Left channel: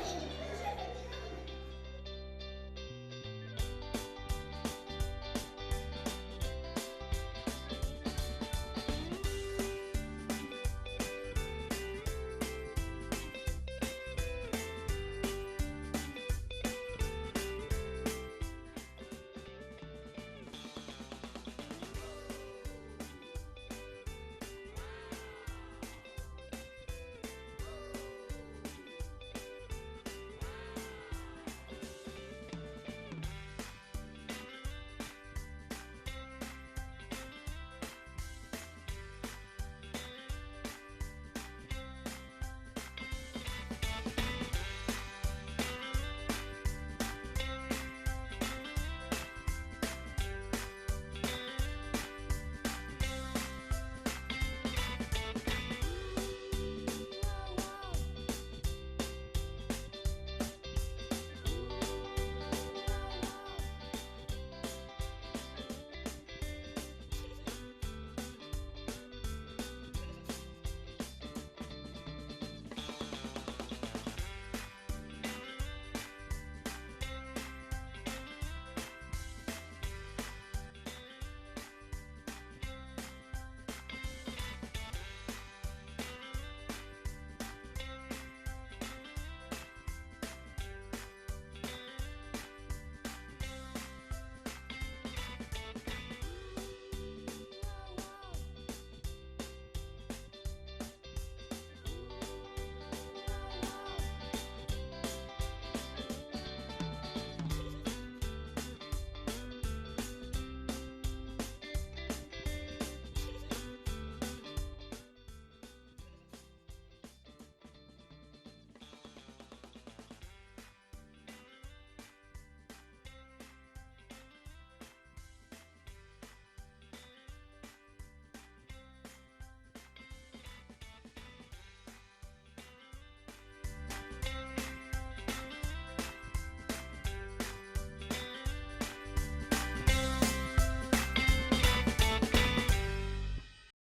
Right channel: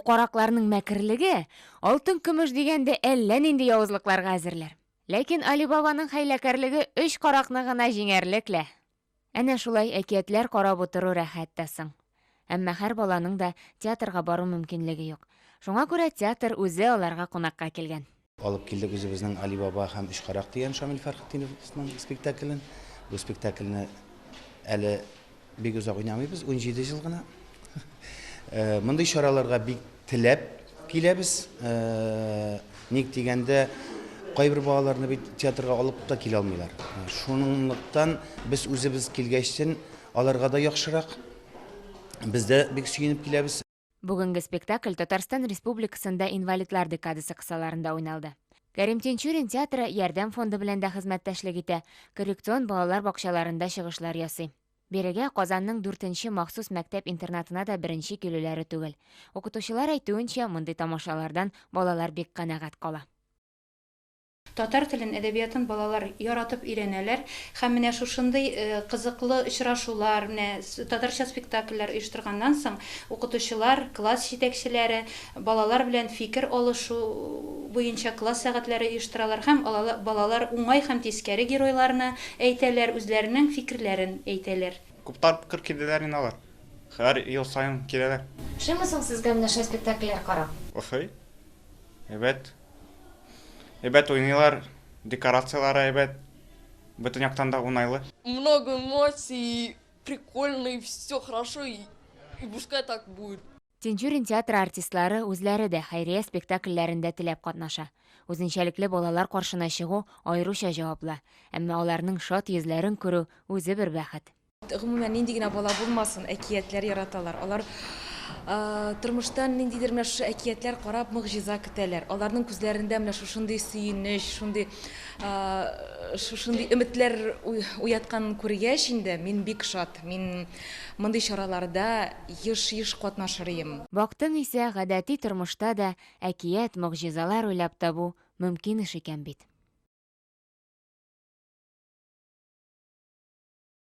Бу каракларның мәкерлеге алтын көмеш дигәндә әллә нинди явызлыкларга әзерләр. Ләкин Али Бабаның хәйләкәрлеге 3 каракны гына җиңәрлекле. Әнә шулай әкиятләр карап утыру рәхәт тә соң. Әмма һәр баланың да театрга бару мөмкинлеге юк. Шуңа күрә театр үзе аларга кунакка килгән. Алып килдек үзебезнең Али Баба һәм Өч карак дигән Шамил Фәрхетдиновның спектаклен. Бу спектакльне әле бик узак уйнамыйбыз, 17 ел гына. Мондый чараларга бик теләп киләбез. Ник дигәндә кайбер балаларны бит театрга алып та килә алмыйлар. Шуныңлыктан без үзебез килгәчтен аларга да яхшырак. Без дә бик сөенеп киләбез. Бүгенге спектакль Татарстан Республикасында инвалидлар декадасы кысаларында уйналды. Кәрим Тинчурин театры ярдәм фонды белән дә хезмәттәшлек итә. Коррекцион балалар бакчаларында чыгышлар ясый. Бирегә Казанның 4нче махсус мәктәп-интернатына да беренче килүләре түгел. Укытучылар әйтүенчә, мондый тамашалардан балалар бик канәгать кала. Татар телен, әдәбиятын балалар яратып өйрәнәләр һәм менә шушындый кызыклы очрашулар, менә татарча спектакльләр оештырганнан соң укытучылар, класс җитәкчеләре балалар белән фикер алышу буенча класс сәгатьләре оештыралар һәм балалар уңай һәм тискәре геройларны әйтәләр, үзләренең фикерләрен әйтәләр. Күптәр фикер килделәр инде алар. Һәр ел саен киләләр. Шәмсең сезгә менә шул спектакльләр карап. Охай. Әйбәт уйныйлар, декорациялары әйбәт. Бөтен яктан да уңайлы. Много эмоций, прикольно, и все хорошо, и пускай так будет. Тинчурин театры артистлары үзләре дә хәйрия спектакльләрендә теләп катнаша. Үзенчәлекле балалар каршына чыгу аеруча җаваплы. Әмма аларның шат йөзләрен күрү үзе бер бәхет. Гомумән нинди генә бала булмасын, әкиятләр яраталар. Алар тормыштан ниндидер менә шу әкиятләр карап мөгъҗиза көтәләр. Аларның күзләрендә менә шушындый сөенеч, шушындый өметләр уятканын күргәч инде мин бик шат. Мин мондый чараларда еш катнашыр идем. Вакытын исә гадәти тормышта да әкият, мөгъҗизалар уйлап табу мөмкин эш икән бит.